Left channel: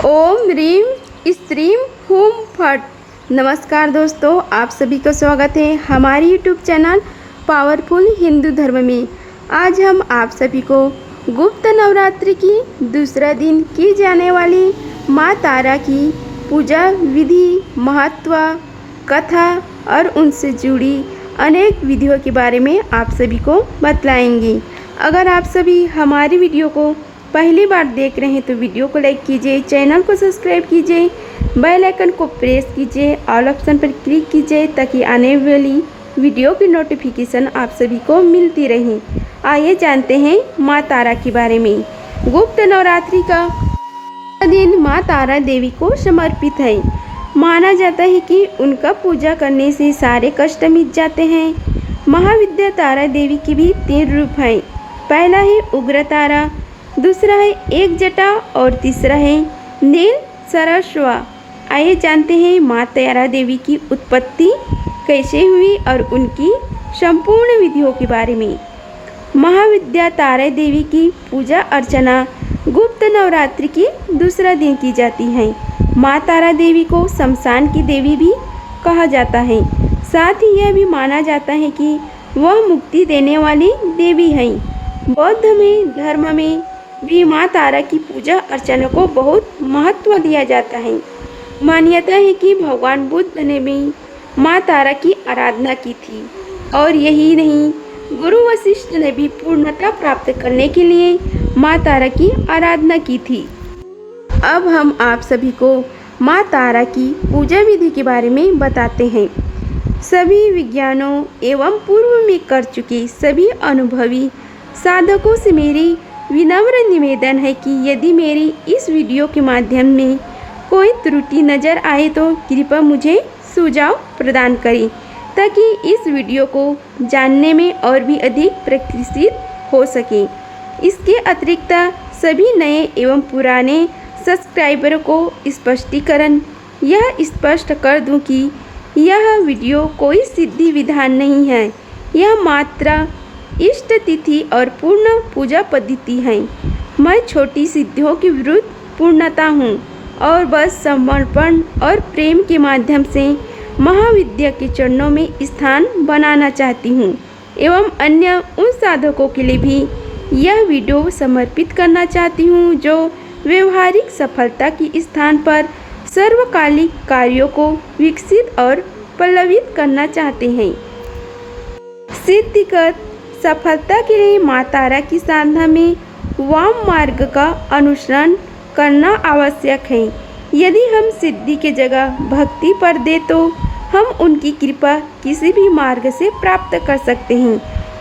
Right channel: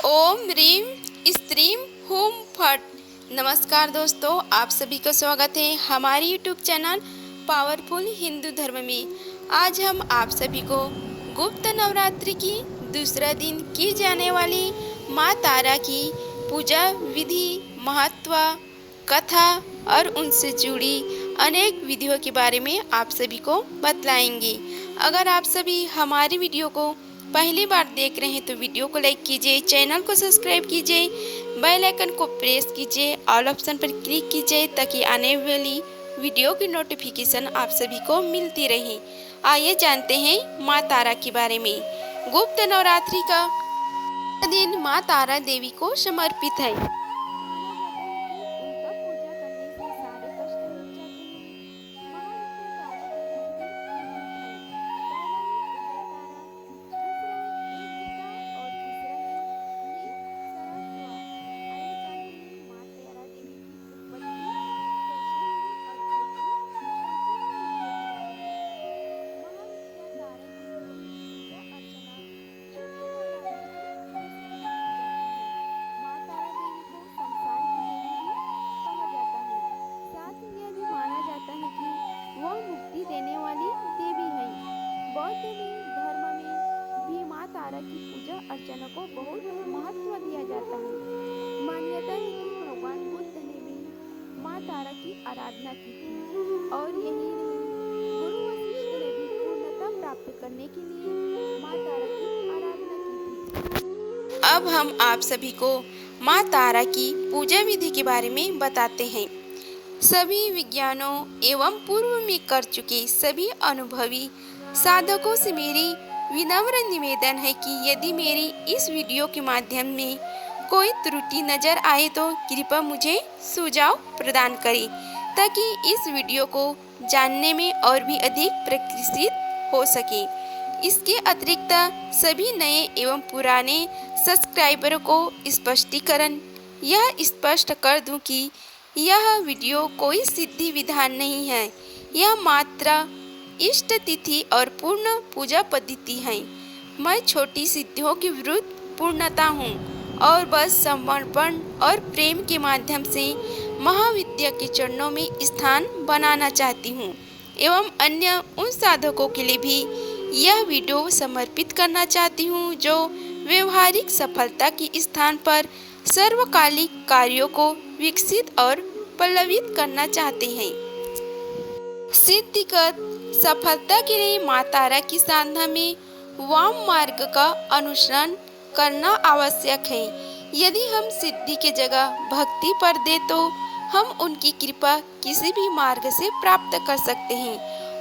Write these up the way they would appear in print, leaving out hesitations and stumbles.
ओम ह्रीम stream हुम फट। नमस्कार दोस्तों, आप सभी का स्वागत है हमारे यूट्यूब चैनल पावरफुल हिंदू धर्म में। आज हम आप सभी को गुप्त नवरात्रि की दूसरा दिन की जाने वाली माँ तारा की पूजा विधि, महत्व, कथा और उनसे जुड़ी अनेक विधियों के बारे में आप सभी को बतलाएंगे। अगर आप सभी हमारी वीडियो को पहली बार देख रहे हैं तो वीडियो को लाइक कीजिए, चैनल को सब्सक्राइब कीजिए, बेल आइकन को प्रेस कीजिए, ऑल ऑप्शन पर क्लिक कीजिए ताकि आने वाली वीडियो की नोटिफिकेशन आप सभी को मिलती रहे। आइए जानते हैं माँ तारा के बारे में। गुप्त नवरात्रि का दिन माँ तारा देवी को समर्पित है। माना जाता है कि उनका पूजा करने से सारे कष्ट मिट जाते हैं। महाविद्या तारा देवी के भी 3 रूप हैं। पहला है उग्र तारा, दूसरा है एक जटा और तीसरा है नील सरस्वा। आइए जानते हैं माँ तारा देवी की उत्पत्ति कैसे हुई और उनकी संपूर्ण विधियों के बारे में। महाविद्या तारा देवी की पूजा अर्चना गुप्त नवरात्रि की दूसरा दिन की जाती है। माँ तारा देवी को शमशान की देवी भी कहा जाता है। साथ ही यह भी माना जाता है कि वह मुक्ति देने वाली देवी है। बौद्ध धर्म में भी माँ तारा की पूजा अर्चना को बहुत महत्व दिया जाता है। मान्यता है कि भगवान बुद्ध ने भी माँ तारा की आराधना की थी और यही नहीं, गुरु वशिष्ठ ने भी पूर्णता प्राप्त करने के लिए माँ तारा की आराधना की थी। अब हम आप सभी को माँ तारा की पूजा विधि के बारे में बताते हैं। सभी विज्ञानों एवं पूर्व में कर चुके सभी अनुभवी साधकों से मेरी विनम्र निवेदन है कि यदि मेरी इस वीडियो के माध्यम में कोई त्रुटि नज़र आए तो कृपया मुझे सुझाव प्रदान करें ताकि इस वीडियो को जानने में और भी अधिक प्रशिक्षित हो सके। इसके अतिरिक्त सभी नए एवं पुराने सब्सक्राइबरों को स्पष्टीकरण यह स्पष्ट कर दूं कि यह वीडियो कोई सिद्धि विधान नहीं है, यह मात्र इष्ट तिथि और पूर्ण पूजा पद्धति है। मैं छोटी सिद्धियों के विरुद्ध पूर्णता हूँ और बस समर्पण और प्रेम के माध्यम से महाविद्या के चरणों में स्थान बनाना चाहती हूँ एवं अन्य उन साधकों के लिए भी यह वीडियो समर्पित करना चाहती हूँ जो व्यवहारिक सफलता के स्थान पर सर्वकालिक कार्यों को विकसित और पल्लवित करना चाहते हैं। सिद्धिगत सफलता के लिए माँ तारा की साधना में वाम मार्ग का अनुसरण करना आवश्यक है। यदि हम सिद्धि के जगह भक्ति पर दे तो हम उनकी कृपा किसी भी मार्ग से प्राप्त कर सकते हैं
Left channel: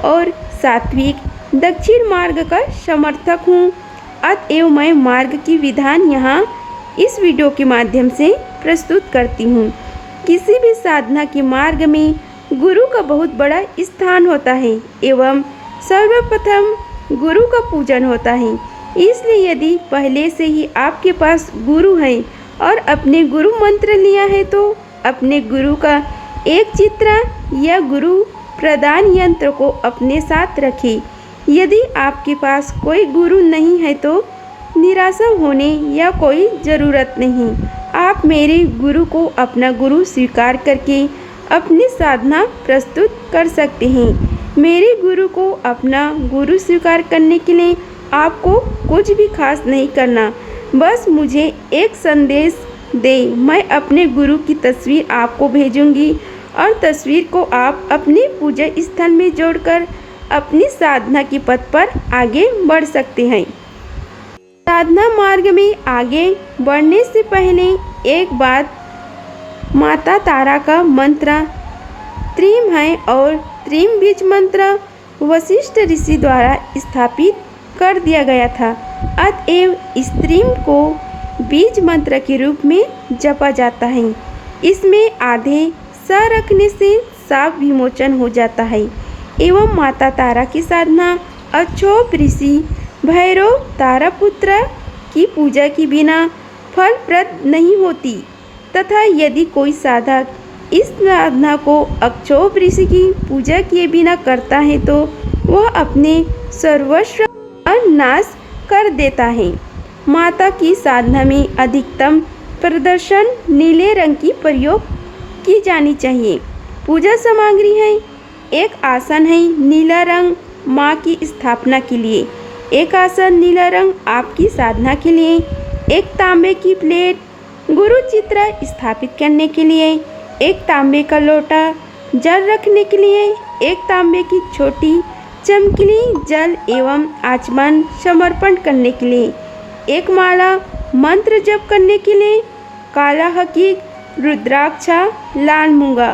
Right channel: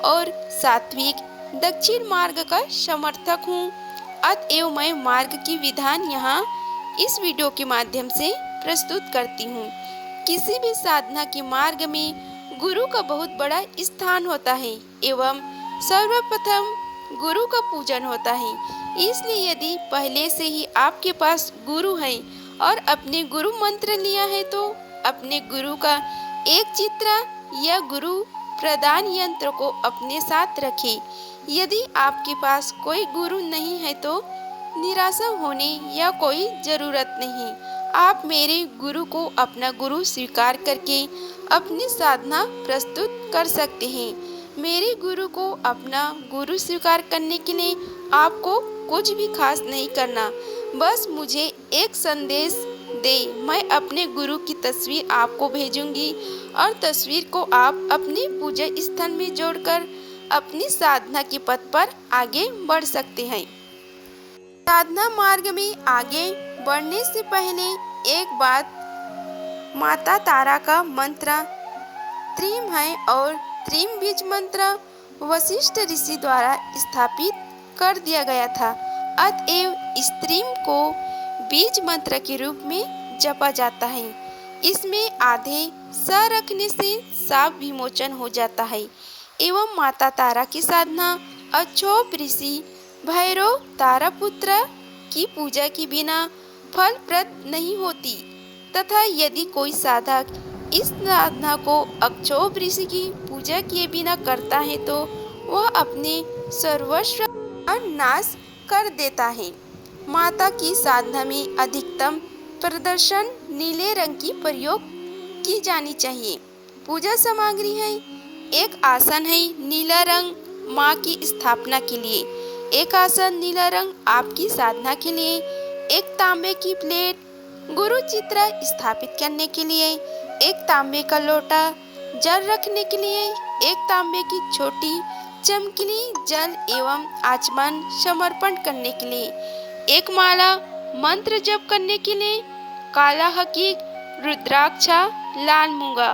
और सात्विक दक्षिण मार्ग का समर्थक हूँ। अतएव मैं मार्ग की विधान यहाँ इस वीडियो के माध्यम से प्रस्तुत करती हूँ। किसी भी साधना के मार्ग में गुरु का बहुत बड़ा स्थान होता है एवं सर्वप्रथम गुरु का पूजन होता है। इसलिए यदि पहले से ही आपके पास गुरु है और अपने गुरु मंत्र लिया है तो अपने गुरु का एक चित्र या गुरु प्रदान यंत्र को अपने साथ रखें। यदि आपके पास कोई गुरु नहीं है तो निराशा होने या कोई ज़रूरत नहीं। आप मेरे गुरु को अपना गुरु स्वीकार करके अपनी साधना प्रस्तुत कर सकते हैं। मेरे गुरु को अपना गुरु स्वीकार करने के लिए आपको कुछ भी खास नहीं करना, बस मुझे एक संदेश दे। मैं अपने गुरु की तस्वीर आपको भेजूंगी और तस्वीर को आप अपने पूजा स्थल में जोड़कर अपनी साधना की पथ पर आगे बढ़ सकते हैं। साधना मार्ग में आगे बढ़ने से पहले एक बात, माता तारा का मंत्र त्रिम है और त्रिम बीज मंत्र वशिष्ठ ऋषि द्वारा स्थापित कर दिया गया था। अतएव इस त्रिम को बीज मंत्र के रूप में जपा जाता है। इसमें आधे स रखने से साप विमोचन हो जाता है एवं माता तारा की साधना अक्षोभ ऋषि भैरव तारापुत्र की पूजा के बिना फलप्रद नहीं होती तथा यदि कोई साधक इस साधना को अक्षोभ ऋषि की पूजा किए बिना करता है तो वह अपने सर्वस्व का नाश कर देता है। माता की साधना में अधिकतम प्रदर्शन नीले रंग की प्रयोग की जानी चाहिए। पूजा सामग्री है, एक आसन है नीला रंग माँ की स्थापना के लिए, एक आसन नीला रंग आपकी साधना के लिए, एक तांबे की प्लेट गुरु चित्र स्थापित करने के लिए, एक तांबे का लोटा जल रखने के लिए, एक तांबे की छोटी चमकीली जल एवं आचमन समर्पण करने के लिए, एक माला मंत्र जप करने के लिए, काला हकीक रुद्राक्ष लाल मूंगा,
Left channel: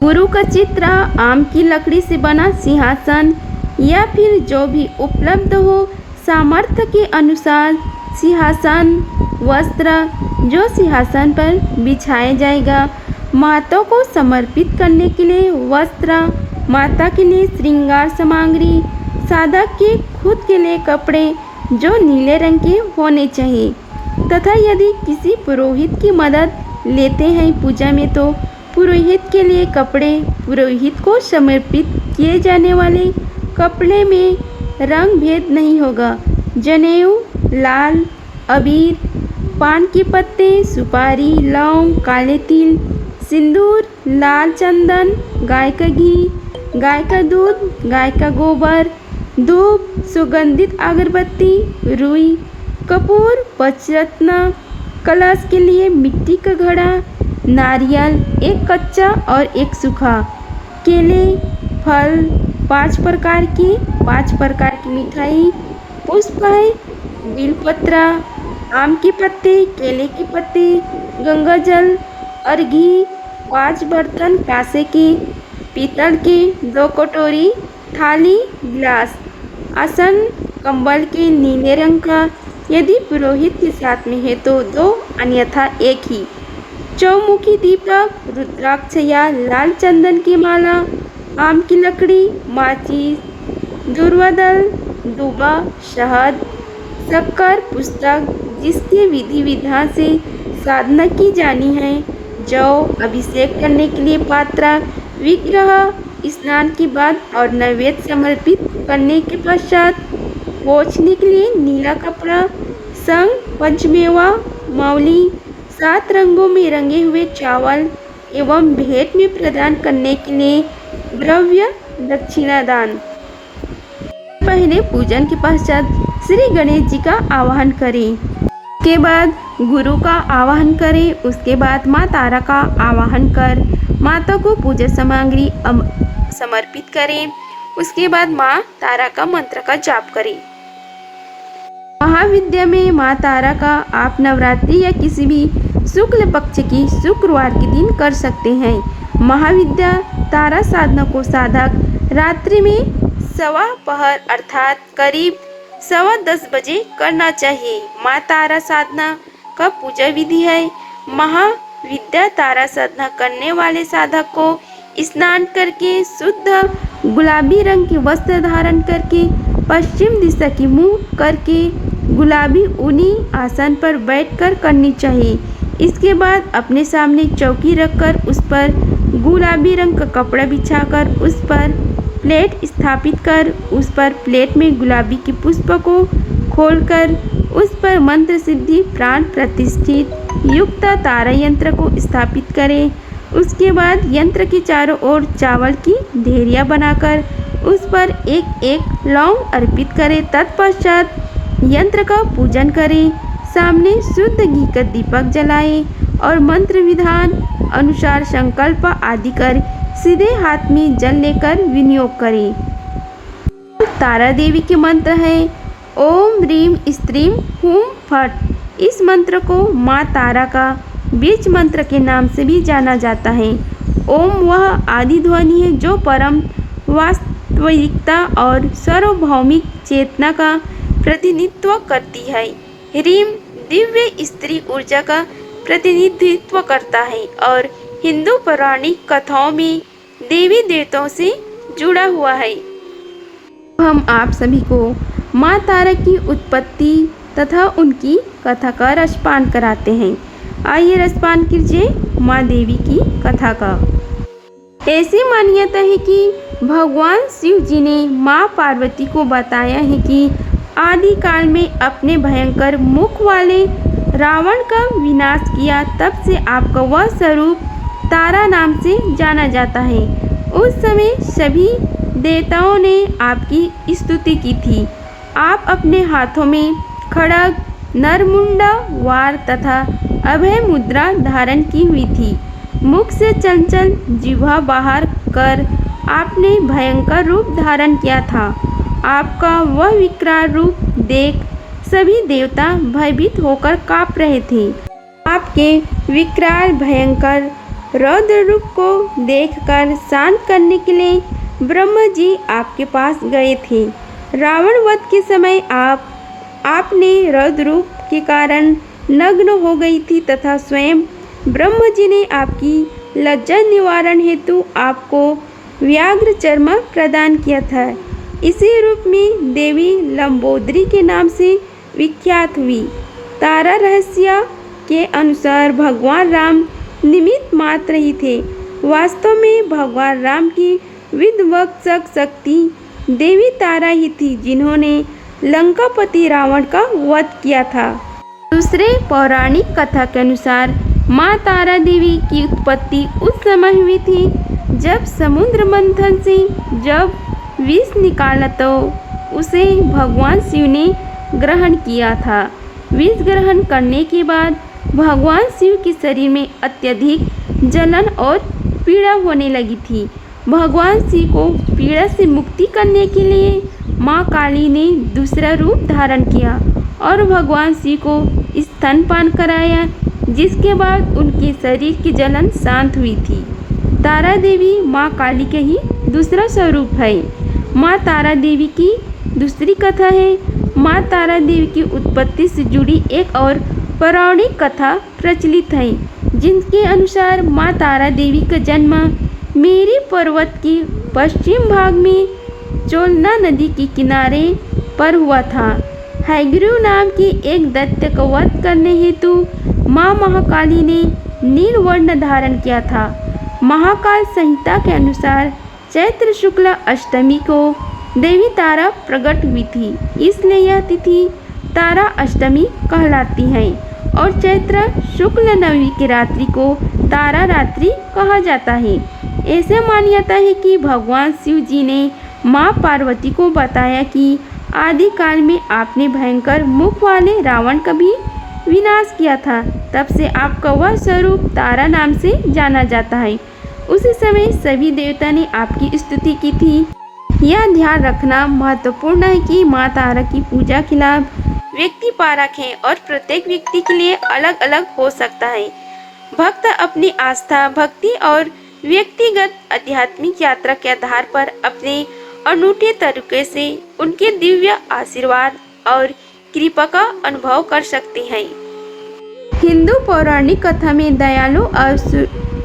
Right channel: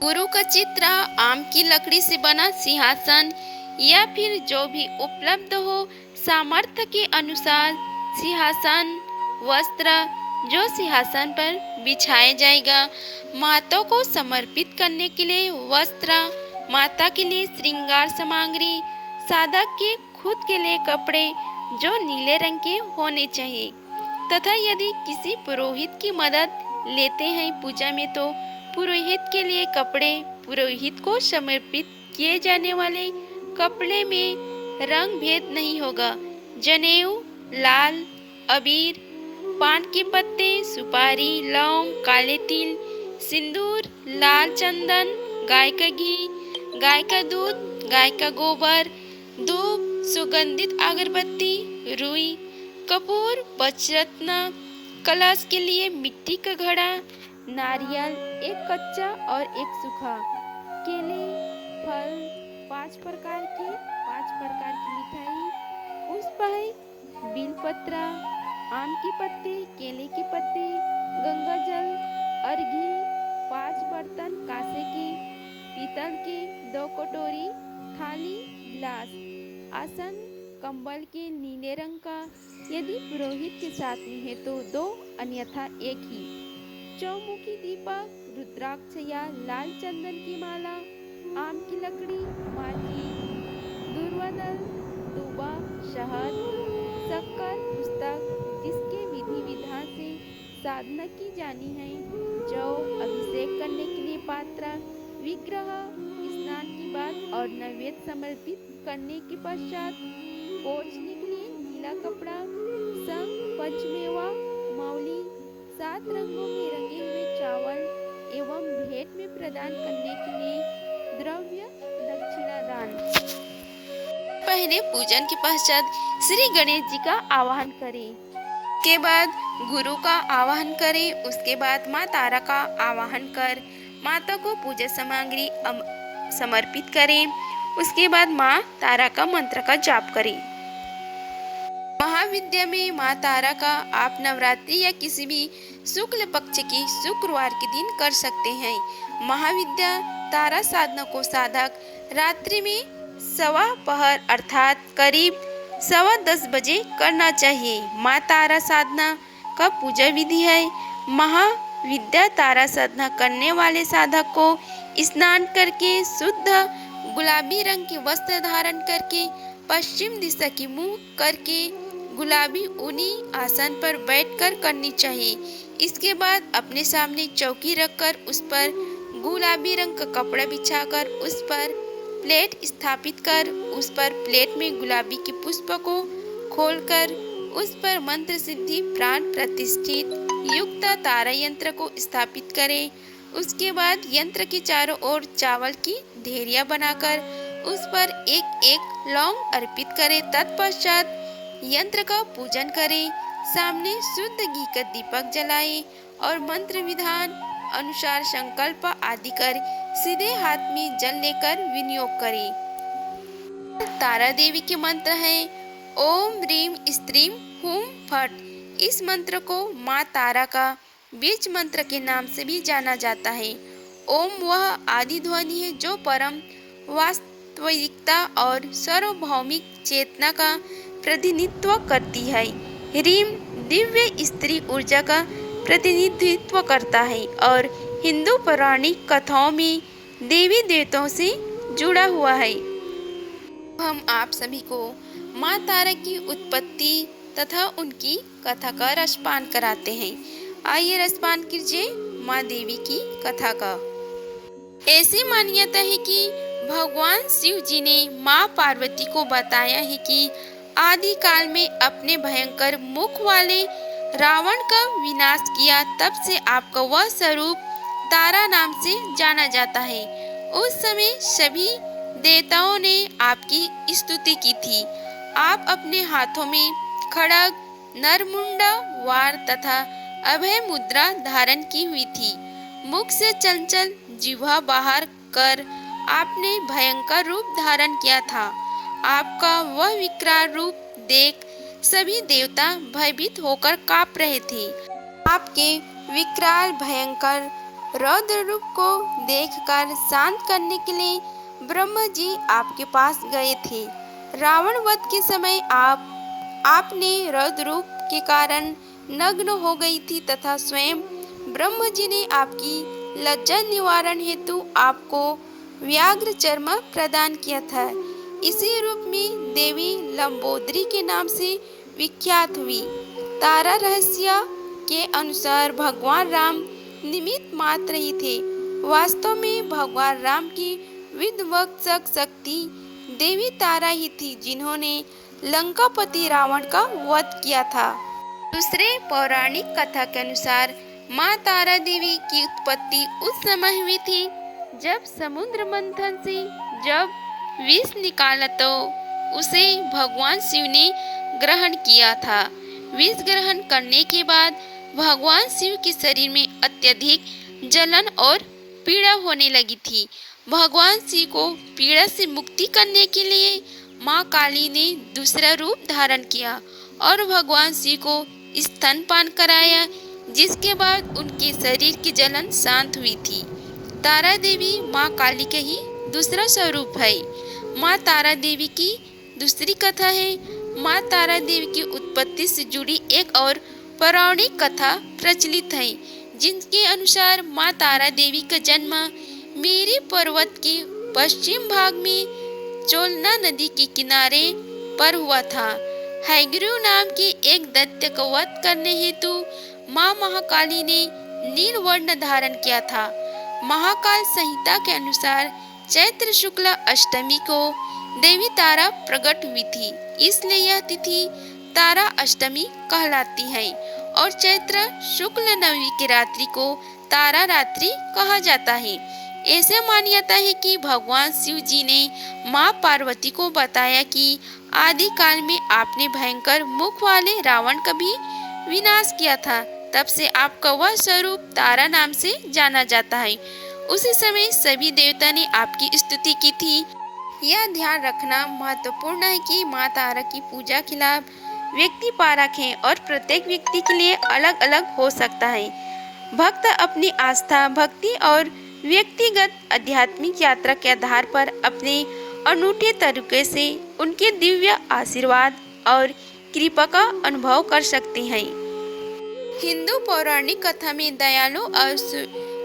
गुरु का चित्र आम की लकड़ी से बना सिंहासन या फिर जो भी उपलब्ध हो सामर्थ्य के अनुसार सिंहासन वस्त्र जो सिंहासन पर बिछाया जाएगा। माता को समर्पित करने के लिए वस्त्र, माता के लिए श्रृंगार सामग्री, साधक के खुद के लिए कपड़े जो नीले रंग के होने चाहिए तथा यदि किसी पुरोहित की मदद लेते हैं पूजा में तो पुरोहित के लिए कपड़े, पुरोहित को समर्पित किए जाने वाले कपड़े में रंग भेद नहीं होगा। जनेऊ, लाल, अबीर, पान के पत्ते, सुपारी, लौंग, काले तिल, सिंदूर, लाल चंदन, गाय का घी, गाय का दूध, गाय का गोबर, धूप, सुगंधित अगरबत्ती, रुई, कपूर, पंचरत्न, कलश के लिए मिट्टी का घड़ा, नारियल, एक कच्चा और एक सूखा, केले, फल, 5 प्रकार की मिठाई, पुष्प है, बेलपत्र, आम के पत्ते, केले के पत्ते, गंगा जल और घी, 5 बर्तन कांसे के, पीतल के, 2 कटोरी, थाली, गिलास, आसन कंबल के नीले रंग का, यदि पुरोहित के साथ में है तो 2 अन्यथा 1 ही, चौमुखी दीपक, रुद्राक्ष या लाल चंदन की माला, आम की लकड़ी, माचिस, दुर्वादल, दूबा, शहद, शक्कर, पुस्तक जिसके विधि विधान से साधना की जानी है, जौ, अभिषेक करने के लिए पात्र, विग्रह, स्नान के बाद और नैवेद्य समर्पित करने के पश्चात पोंछने के लिए नीला कपड़ा, संग, पंचमेवा, मौली, 7 रंगों में रंगे हुए चावल एवं भेंट में प्रदान करने के लिए द्रव्य दक्षिणा दान। पहले पूजन के पश्चात श्री गणेश जी का आवाहन करें, के बाद गुरु का आवाहन करें, उसके बाद माँ तारा का आवाहन कर माता को पूजा सामग्री समर्पित करें, उसके बाद माँ तारा का मंत्र का जाप करें। महाविद्या में माँ तारा का आप नवरात्रि या किसी भी शुक्ल पक्ष की शुक्रवार के दिन कर सकते हैं। महाविद्या तारा साधना को साधक रात्रि में 1:15 पहर अर्थात करीब 10:15 बजे करना चाहिए। माँ तारा साधना का पूजा विधि है। महाविद्या तारा साधना करने वाले साधक को स्नान करके शुद्ध गुलाबी रंग के वस्त्र धारण करके पश्चिम दिशा की मुंह करके गुलाबी ऊनी आसन पर बैठकर करनी चाहिए। इसके बाद अपने सामने चौकी रखकर उस पर गुलाबी रंग का कपड़ा बिछाकर उस पर प्लेट स्थापित कर उस पर प्लेट में गुलाबी के पुष्प को खोलकर उस पर मंत्र सिद्धि प्राण प्रतिष्ठित युक्त तारा यंत्र को स्थापित करें। उसके बाद यंत्र के चारों ओर चावल की ढेरियाँ बनाकर उस पर एक एक लौंग अर्पित करें। तत्पश्चात यंत्र का पूजन करें, सामने शुद्ध घी का दीपक जलाएं और मंत्र विधान अनुसार संकल्प आदि कर सीधे हाथ में जल लेकर विनियोग करें। तारा देवी के मंत्र है ओम ह्रीम स्त्रीम हुम फट। इस मंत्र को माँ तारा का बीज मंत्र के नाम से भी जाना जाता है। ओम वह आदि ध्वनि है जो परम वास्तविकता और सार्वभौमिक चेतना का प्रतिनिधित्व करती है। ह्रीम दिव्य स्त्री ऊर्जा का प्रतिनिधित्व करता है और हिंदू पौराणिक कथाओं में देवी देवताओं से जुड़ा हुआ है। हम आप सभी को माँ तारा की उत्पत्ति तथा उनकी कथा का रसपान कराते हैं। आइए रसपान कीजिए माँ देवी की कथा का। ऐसी मान्यता है कि भगवान शिव जी ने माँ पार्वती को बताया है कि आदि काल में अपने भयंकर मुख वाले रावण का विनाश किया, तब से आपका वह स्वरूप तारा नाम से जाना जाता है। उस समय सभी देवताओं ने आपकी स्तुति की थी। आप अपने हाथों में खड्ग, नरमुंडा, वार तथा अभय मुद्रा धारण की हुई थी। मुख से चंचल जिह्वा बाहर कर आपने भयंकर रूप धारण किया था। आपका वह विकराल रूप देख सभी देवता भयभीत होकर कांप रहे थे। आपके विकराल भयंकर रौद्र रूप को देखकर शांत करने के लिए ब्रह्मा जी आपके पास गए थे। रावण वध के समय आपने रौद्र रूप के कारण नग्न हो गई थी तथा स्वयं ब्रह्मा जी ने आपकी लज्जा निवारण हेतु आपको व्याघ्र चर्म प्रदान किया था। इसी रूप में देवी लंबोदरी के नाम से विख्यात हुई। तारा रहस्य के अनुसार भगवान राम निमित्त मात्र ही थे। वास्तव में भगवान राम की विध्वंसक शक्ति देवी तारा ही थी, जिन्होंने लंकापति रावण का वध किया था। दूसरे पौराणिक कथा के अनुसार माँ तारा देवी की उत्पत्ति उस समय हुई थी जब समुद्र मंथन से जब विष निकाला तो उसे भगवान शिव ने ग्रहण किया था। विष ग्रहण करने के बाद भगवान शिव के शरीर में अत्यधिक जलन और पीड़ा होने लगी थी। भगवान शिव को पीड़ा से मुक्ति करने के लिए माँ काली ने दूसरा रूप धारण किया और भगवान शिव को स्तनपान कराया, जिसके बाद उनके शरीर की जलन शांत हुई थी। तारा देवी माँ काली का ही दूसरा स्वरूप है। माँ तारा देवी की दूसरी कथा है। माँ तारा देवी की उत्पत्ति से जुड़ी एक और पौराणिक कथा प्रचलित है, जिनके अनुसार माँ तारा देवी का जन्म मेरी पर्वत की पश्चिम भाग में चोलना नदी के किनारे पर हुआ था। हयग्रीव नाम की एक दैत्य का वध करने हेतु माँ महाकाली ने नील वर्ण धारण किया था। महाकाल संहिता के अनुसार चैत्र शुक्ल अष्टमी को देवी तारा प्रकट हुई थी, इसलिए यह तिथि तारा अष्टमी कहलाती है और चैत्र शुक्ल नवमी की रात्रि को तारा रात्रि कहा जाता है। ऐसे मान्यता है कि भगवान शिव जी ने माँ पार्वती को बताया कि आदि काल में आपने भयंकर मुख वाले रावण का भी विनाश किया था, तब से आपका वह स्वरूप तारा नाम से जाना जाता है। उसी समय सभी देवता ने आपकी स्तुति की थी। यह ध्यान रखना महत्वपूर्ण है कि माँ तारा की पूजा के लाभ व्यक्ति पारक है और प्रत्येक व्यक्ति के लिए अलग अलग हो सकता है। भक्त अपनी आस्था, भक्ति और व्यक्तिगत आध्यात्मिक यात्रा के आधार पर अपने अनूठे तरीके से उनके दिव्य आशीर्वाद और कृपा का अनुभव कर सकते हैं। हिंदू पौराणिक कथा में दयालु और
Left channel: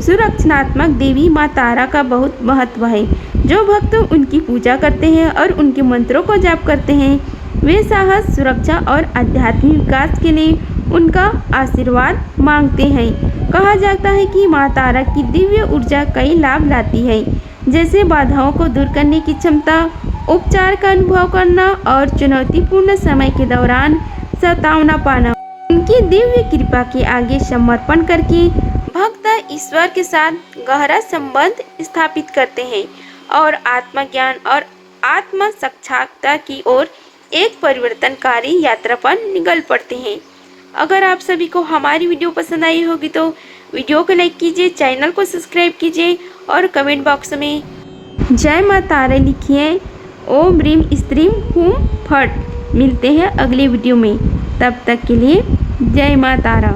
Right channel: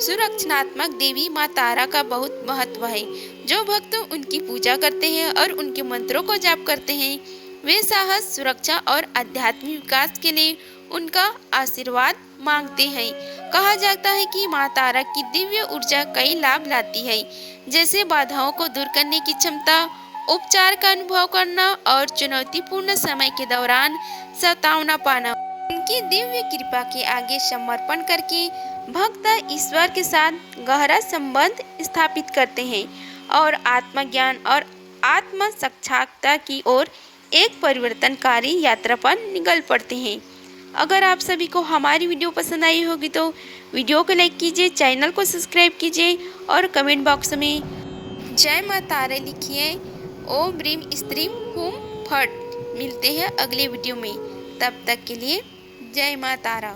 सुरक्षात्मक देवी माँ तारा का बहुत महत्व है। जो भक्त उनकी पूजा करते हैं और उनके मंत्रों को जाप करते हैं, वे साहस, सुरक्षा और आध्यात्मिक विकास के लिए उनका आशीर्वाद मांगते हैं। कहा जाता है कि माँ तारा की दिव्य ऊर्जा कई लाभ लाती है, जैसे बाधाओं को दूर करने की क्षमता, उपचार का अनुभव करना और चुनौतीपूर्ण समय के दौरान सतावना पाना। उनकी दिव्य कृपा के आगे समर्पण करके भक्त ईश्वर के साथ गहरा संबंध स्थापित करते हैं और आत्मज्ञान और आत्म साक्षात्कार की ओर एक परिवर्तनकारी यात्रा पर निकल पड़ते हैं। अगर आप सभी को हमारी वीडियो पसंद आई होगी तो वीडियो को लाइक कीजिए, चैनल को सब्सक्राइब कीजिए और कमेंट बॉक्स में जय माँ तारा लिखिए। ओम ह्रीम स्त्रीम हूँ फट। मिलते हैं अगले वीडियो में, तब तक के लिए जय माँ तारा।